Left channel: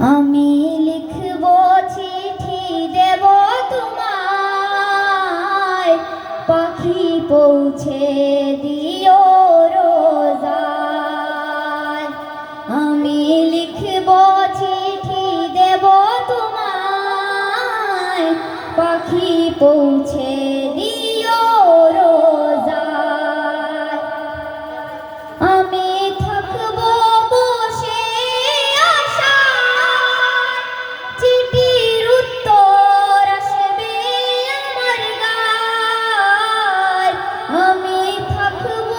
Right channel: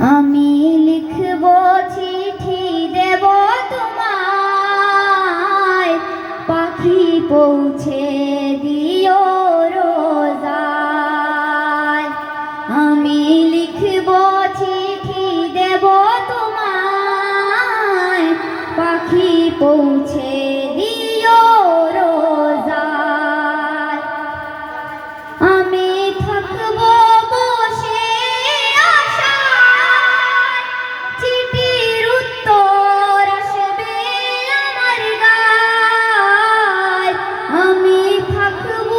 আমি লিখব চিঠি দেব তোমায়, পাখি পৌঁছে দিও রোজায়। আমি লিখব চিঠি দেব তোমায়, পাখি পৌঁছে দিও রোজায়। আমি থাকব বসে আশায়, চিঠির উত্তর আসবে আমার গায়। আমি থাকব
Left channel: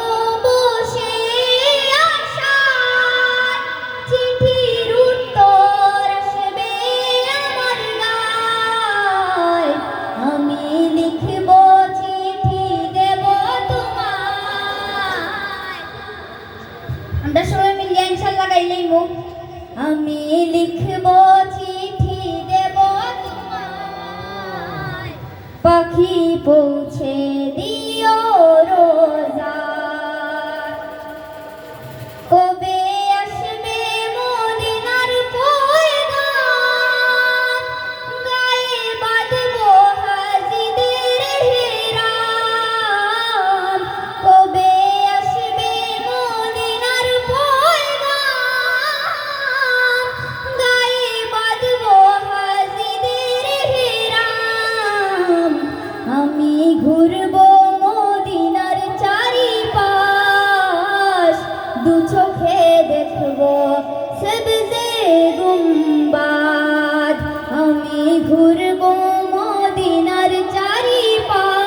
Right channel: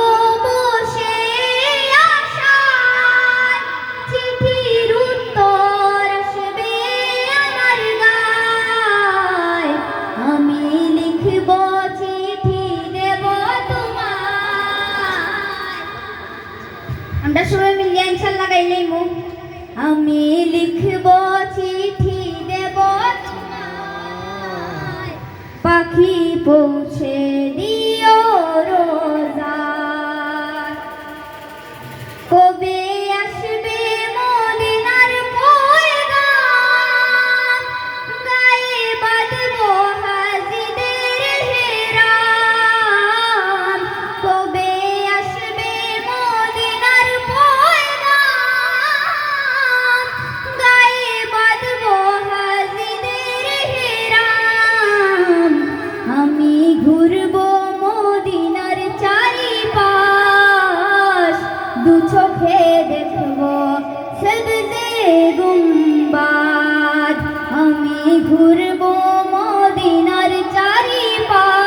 বসে আশায়, চিঠির উত্তর আসবে আমার গায়। আমি লিখব চিঠি দেব তোমায়। আমরা সবাই মিলে ইনশাআল্লাহ গাইলেইমু। আমি লিখব চিঠি দেব তোমায়, পাখি পৌঁছে দিও রোজায়। কবে আসবে মদিনার পয়গাম, গায়ে বাঁধব হাজিদের হেরাম। কবে আসবে মদিনার পয়গাম, গায়ে বাঁধব হাজিদের হেরাম। আমি ঘুরব মদিনার চারিপাশ, দু চোখে দেখব সবজে গুম্বাদ। আমি ঘুরব মদিনার চারিপাশ,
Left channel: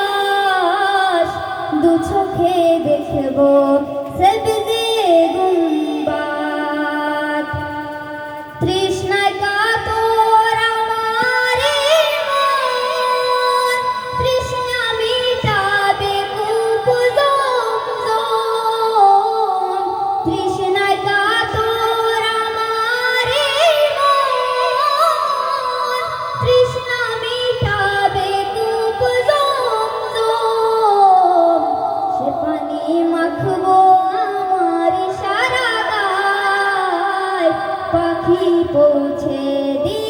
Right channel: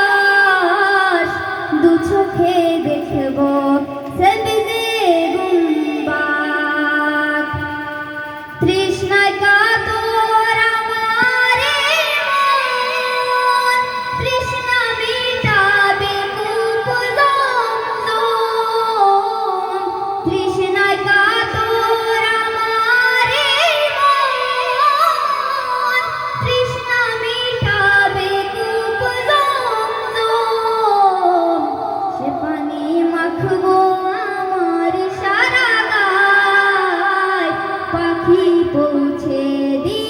দু চোখে দেখব সবজে গুম্বাদ। তৃষ্ণায় কাতর আমার এই মন, তৃষ্ণা মিটাবে কূপ জমজম। তৃষ্ণায় কাতর আমার এই মন, তৃষ্ণা মিটাবে কূপ জমজম। সে পানি মাখবো আমার সারা গায়, পাখি পৌঁছে দিও